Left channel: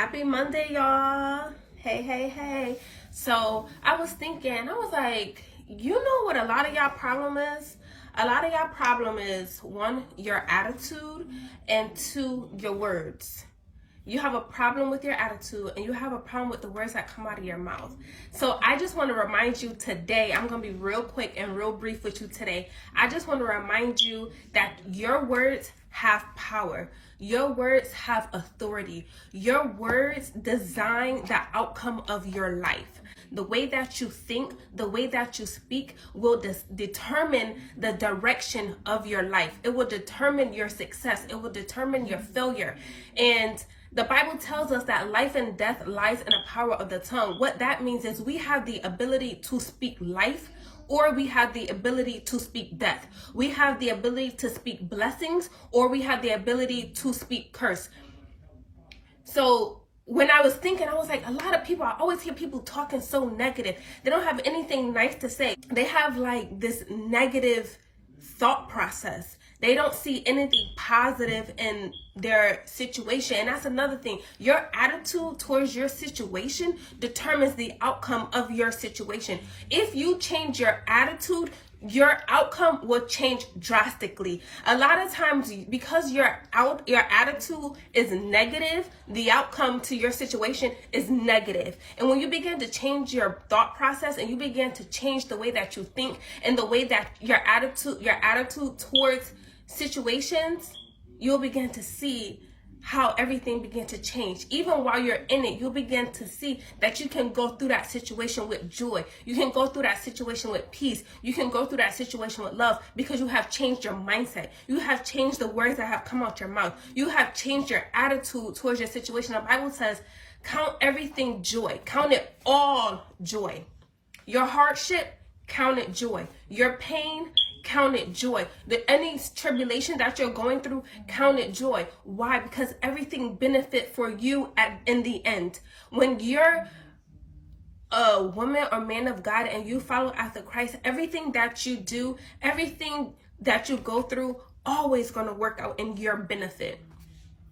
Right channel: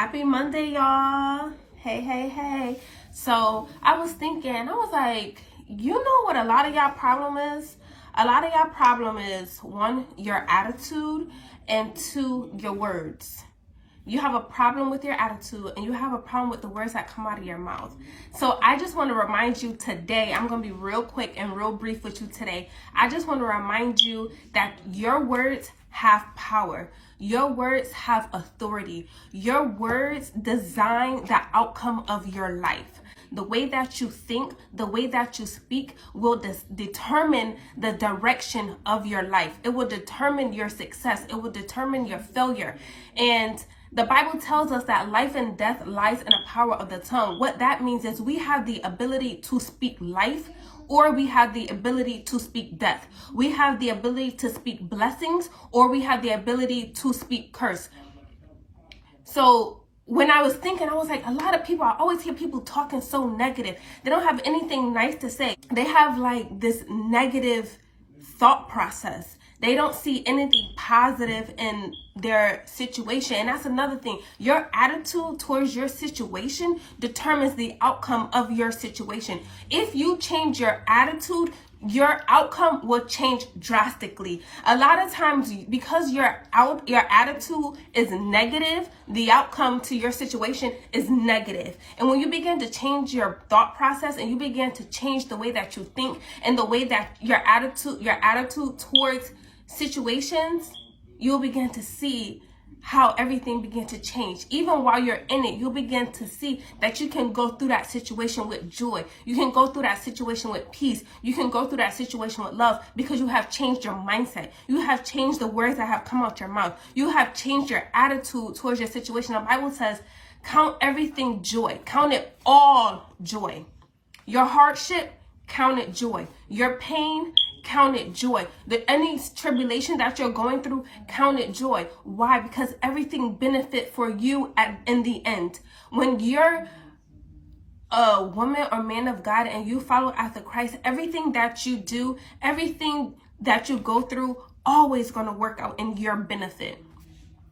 Happy Monday, y'all. Hey. So I was thinking, I was like, you know what a lot of y'all problem is? A lot of y'all problem is, one, your attitude, and two, your words. You have a problem with your attitude, and you have a problem with the words that come out of your mouth. So I just want to remind you today, I'm going to be real quick and real brief with you today. I just want to remind you that your words have power. Your words have authority. Your words design the outcome of your life. The way that you think, the way that you speak will determine the direction of your life. It will determine your success. It will determine your failure. And the Bible tells us that life and death lies in the power of the tongue. What that means is we have the ability to speak life, or we have the ability to speak death. We have the ability to speak blessings, or we have the ability to speak curse. So when I was thinking, I was like, a lot of people, I always hear people talking so negative. They don't have anything nice to say. They have like this negative thought process. They don't see anything positive in their situation. And that's another thing. Your attitude towards your situation determines the outcome of your situation. If you change your attitude, your outcome will change drastically. A lot of times, because your attitude is negative, the outcome to your situation is negative. And when you begin to change your thought process and you begin to change the way that you think and the way that your attitude towards situations, you'll begin to see how everything begin to change. Even while you're in it, you'll begin to see that you can go through that situation with joy. You can go through that situation with peace. You can go through that situation with love, because you have changed your mindset. You have changed the words that have come out your mouth. You have changed your attitude towards your situation. The Bible says, count everything joy. Count it all joy. Your hardship, count it joy. Your pain, count it joy. Any tribulation that you're going through, count it joy. Why? Because everything benefit for you in the end. When you're a woman or man of God and you follow after Christ, everything that you do, everything that you go through, always going to work out in your benefit.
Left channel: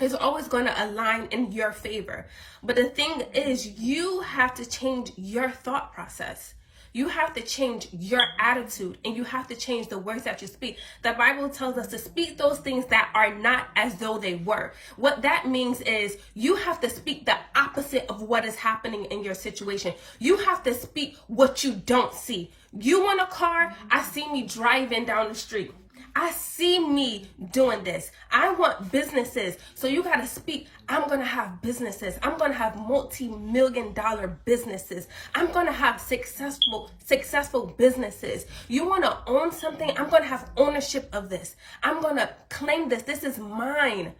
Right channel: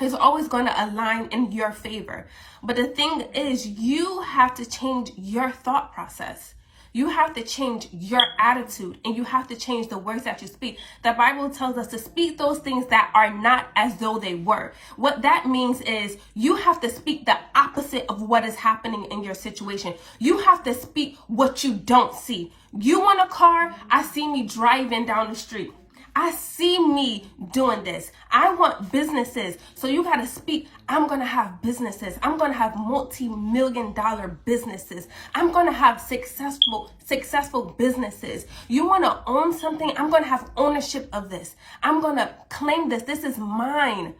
It's always going to align in your favor. But the thing is, you have to change your thought process. You have to change your attitude, and you have to change the words that you speak. The Bible tells us to speak those things that are not as though they were. What that means is you have to speak the opposite of what is happening in your situation. You have to speak what you don't see. You want a car? I see me driving down the street. I see me doing this. I want businesses. So you got to speak, I'm going to have businesses. I'm going to have multi-million-dollar businesses. I'm going to have successful businesses. You want to own something? I'm going to have ownership of this. I'm going to claim this. This is mine.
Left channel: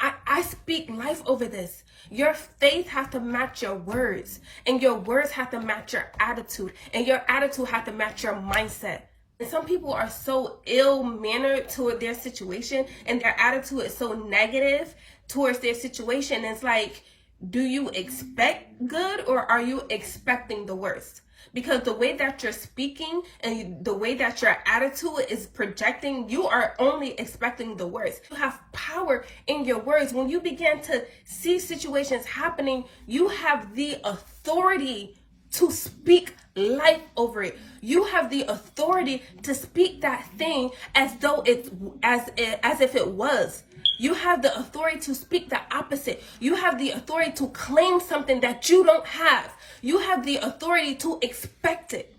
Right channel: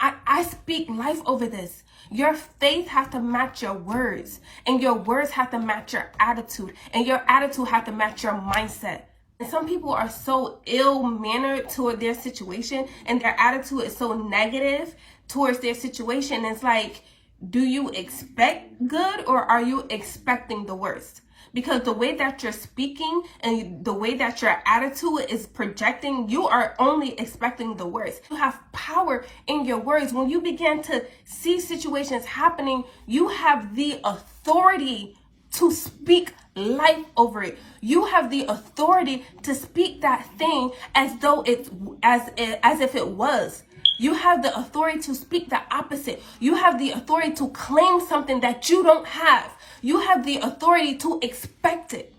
I speak life over this. Your faith has to match your words, and your words have to match your attitude, and your attitude has to match your mindset. And some people are so ill-mannered toward their situation, and their attitude is so negative towards their situation. It's like, do you expect good, or are you expecting the worst? Because the way that you're speaking and the way that your attitude is projecting, you are only expecting the worst. You have power in your words. When you begin to see situations happening, you have the authority to speak life over it. You have the authority to speak that thing as though it's as if it was. You have the authority to speak the opposite. You have the authority to claim something that you don't have. You have the authority to expect it.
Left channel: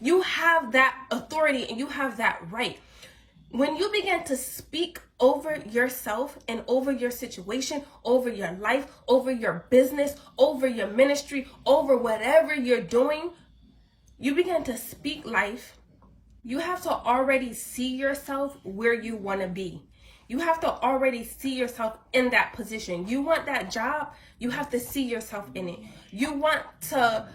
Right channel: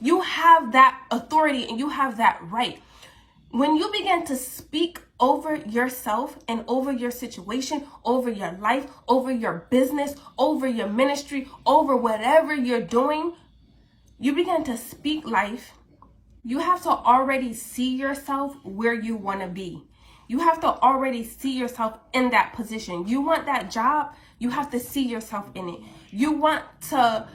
You have that authority, and you have that right. When you begin to speak over yourself and over your situation, over your life, over your business, over your ministry, over whatever you're doing, you begin to speak life. You have to already see yourself where you want to be. You have to already see yourself in that position. You want that job, you have to see yourself in it. You want to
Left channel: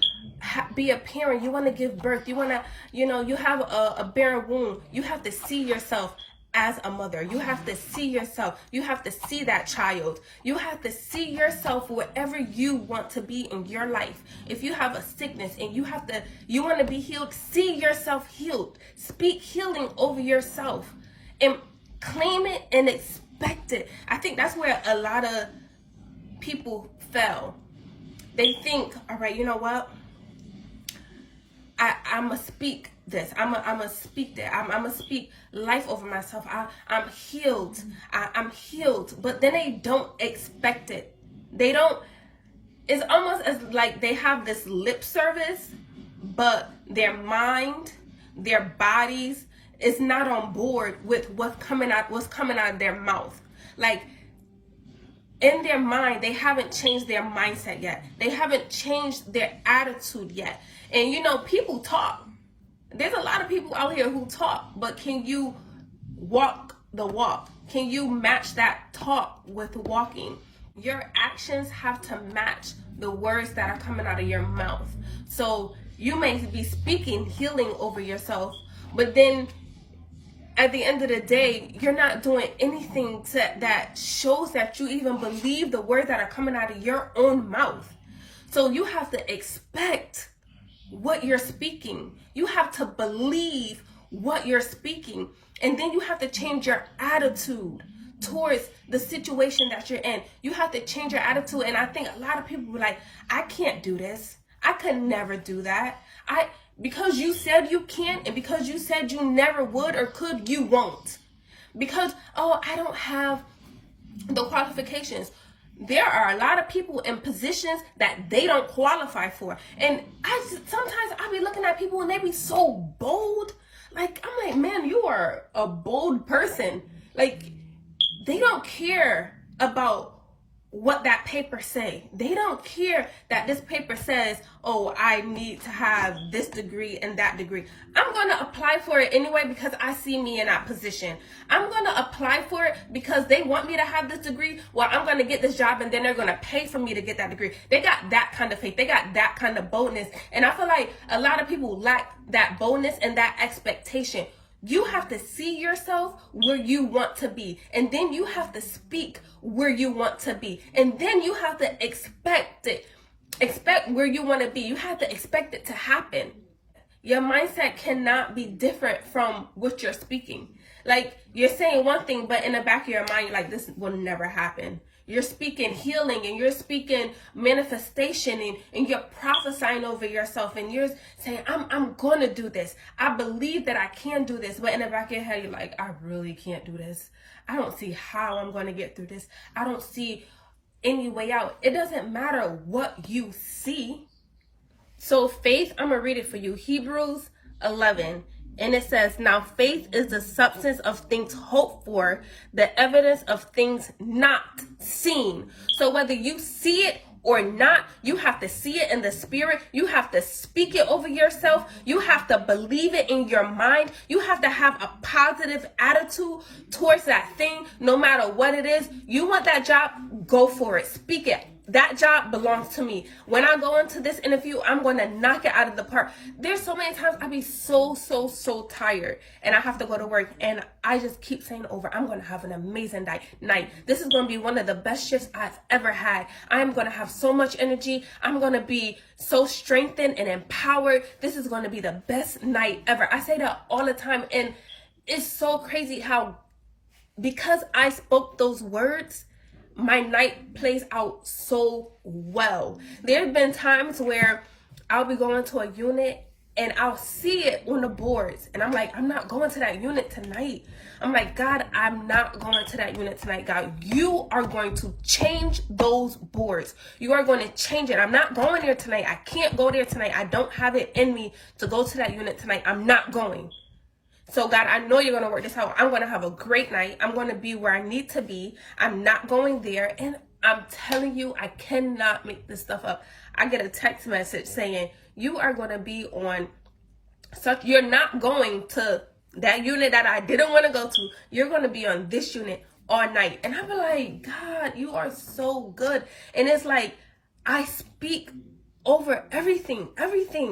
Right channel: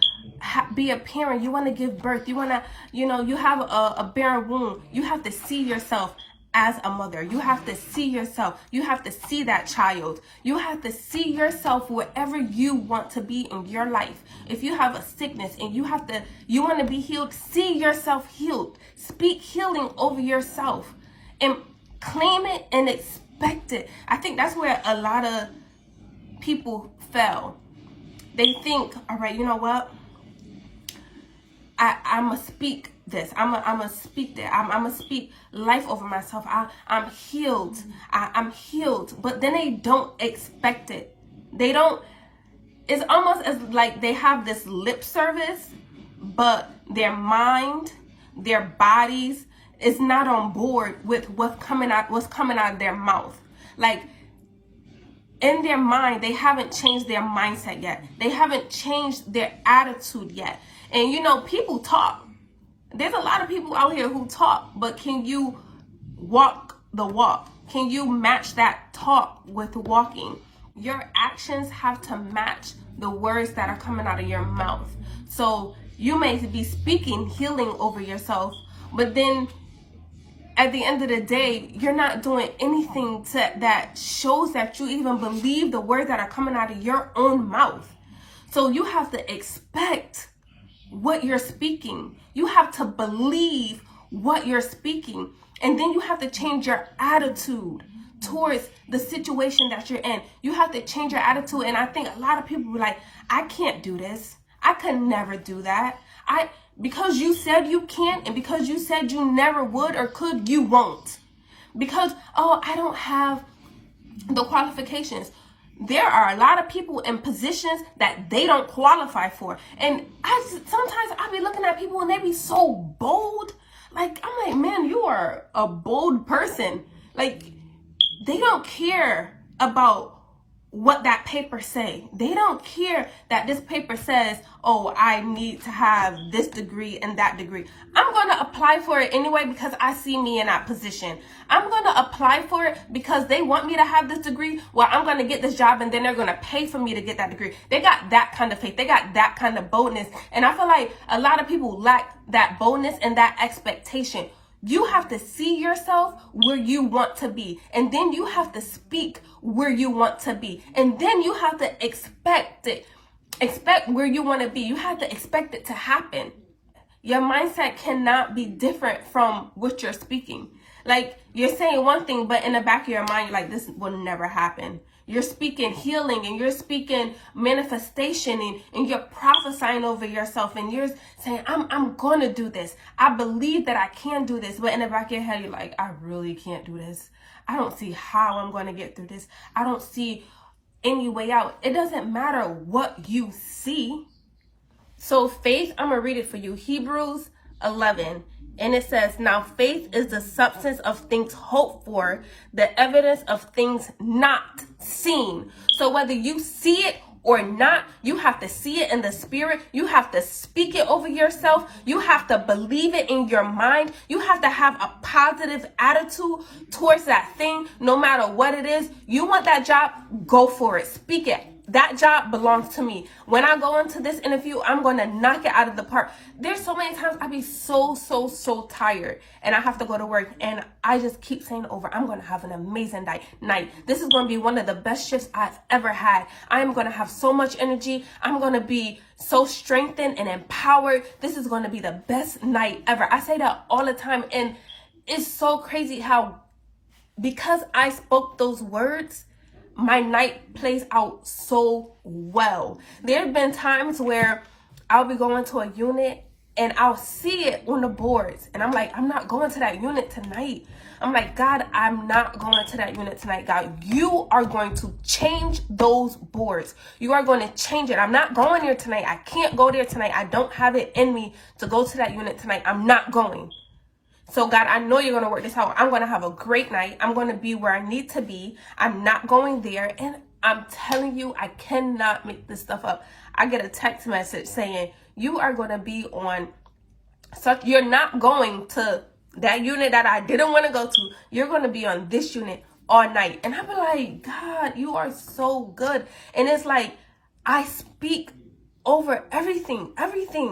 be a parent, you want to give birth, you want to, you have a barren womb. You have to see yourself as a mother. You have to see yourself. You have to see that child. You have to see yourself wherever you want to be in your life. If you have a sickness and you want to be healed, see yourself healed. Speak healing over yourself and claim it and expect it. I think that's where a lot of people fail, they think, all right, you know what? I'm going to speak this. I'm going to speak that. I'm going to speak life over myself. I'm healed. I'm healed. But then they don't expect it. They don't. It's almost as like they have this lip service, but their mind, their bodies is not on board with what's coming out of their mouth. Like, in their mind, they haven't changed their mindset yet. They haven't changed their attitude yet. And you know, people talk. There's a lot of people out here who talk, but can you walk the walk? Can you match that talk with walking? Your actions have to match the words that are coming out of your mouth. So you may be speaking healing over yourself, but then at the end of the day, you're not doing anything that shows that you even believe the words that are coming out of your own mouth. So you have to expect what you're speaking. You have to believe what you're speaking. And then you have to change your attitude towards the situation that you're in. You have to change your attitude. And I think a lot of people be like, I can't do this. I could never do that. Because you said you can't, and because you said you never would or could, you won't. Because, I don't have the qualifications. There are a lot of people in positions that they don't qualify for. And sometimes I be looking at people and they be so bold. Like, I'm like, man, you are a bold person. Like, they don't care about what that paper say. They don't care that this paper says, I need to have this degree and that degree. I'm going to apply for it anyway because I see me in that position. I'm going to apply for it because they want me to have this degree. Well, I'm going to get this job and then they're going to pay for me to get that degree. They got that kind of faith. They got that kind of boldness. And I feel like a lot of people lack that boldness and that expectation. You have to see yourself where you want to be. And then you have to speak where you want to be. And then you have to expect it. Expect where you want to be. You have to expect it to happen. Your mindset cannot be different from what you're speaking. Like, you're saying one thing, but in the back of your mind, you're like, this will never happen. You're speaking healing and you're speaking manifestation and you're prophesying over yourself and you're saying, I'm going to do this. I believe that I can do this. But in the back of your head, you're like, I really can't do this. I don't see how I'm going to get through this. I don't see any way out. It doesn't matter what you see. So faith, I'm going to read it for you. Hebrews 11. And it says, now faith is the substance of things hoped for, the evidence of things not seen. So whether you see it or not, you have to see it in the spirit. You have to speak it over yourself. You have to believe it in your mind. You have to have a positive attitude towards that thing, no matter what it is. You want that job, go for it. Speak it. That job belongs to me. When I go into this interview, I'm going to knock it out of the park. There's so many times I be so tired and I have to go to work and I just keep saying over, I'm going to have an amazing night. This is going to be one of the best shifts I've ever had. I'm going to have so much energy. I'm going to be so strengthened and empowered. This is going to be the best night ever. I say that all the time, and it's so crazy how, because I spoke those words, my night plays out so well. There have been times where I'll be going to a unit and I'll see it on the boards and I'm like, I'm not going to that unit tonight. I'm like, God, I'm not going to that unit tonight. God, you are going to change those boards. You are going to change it. I'm not going there tonight. I can't go there tonight. I don't have it in me to go to that unit tonight. I'm not going. So God, I know you're going to work this out. I'm going to have a great night. I'm going to be where I need to be. I'm not going there. And I'm telling you, I cannot make this stuff up. I get a text message saying, you are going to be on such, you're not going to that unit that I didn't want to go to. You're going to be on this unit all night. And I'm like, God, you are so good. And it's like, I speak over everything.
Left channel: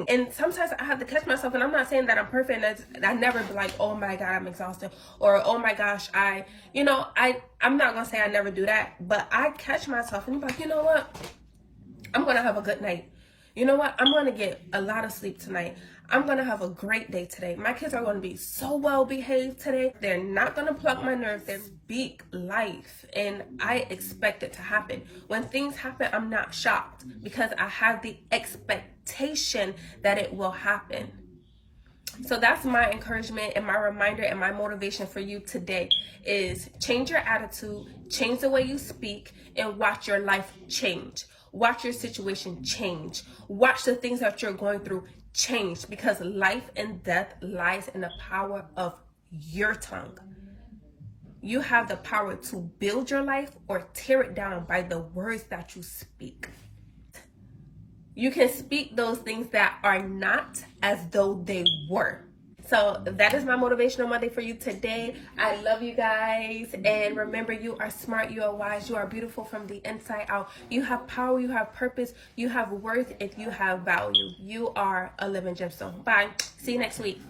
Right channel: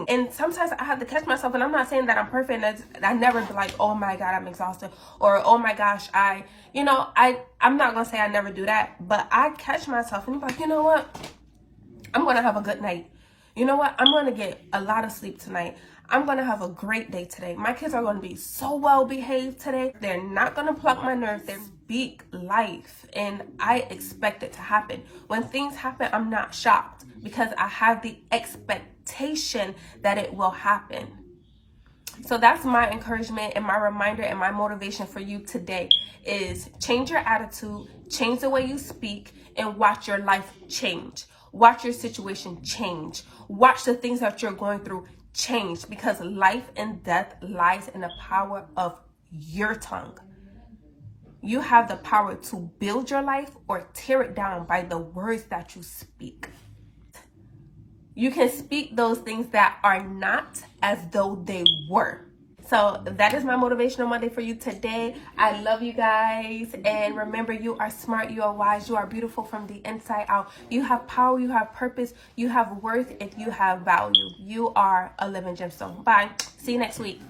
And sometimes I have to catch myself, and I'm not saying that I'm perfect, and I never be like, oh my God, I'm exhausted, or oh my gosh, I'm not gonna say I never do that, but I catch myself and I'm like, you know what, I'm gonna have a good night. You know what, I'm gonna get a lot of sleep tonight. I'm going to have a great day today. My kids are going to be so well behaved today. They're not going to pluck my nerves. They speak life, and I expect it to happen. When things happen, I'm not shocked because I have the expectation that it will happen. So that's my encouragement and my reminder and my motivation for you today is change your attitude, change the way you speak, and watch your life change. Watch your situation change. Watch the things that you're going through change, because life and death lies in the power of your tongue. You have the power to build your life or tear it down by the words that you speak. You can speak those things that are not as though they were. So that is my motivational Monday for you today. I love you guys. And remember, you are smart, you are wise, you are beautiful from the inside out. You have power, you have purpose, you have worth, if you have value. You are a living gemstone. Bye. See you next week.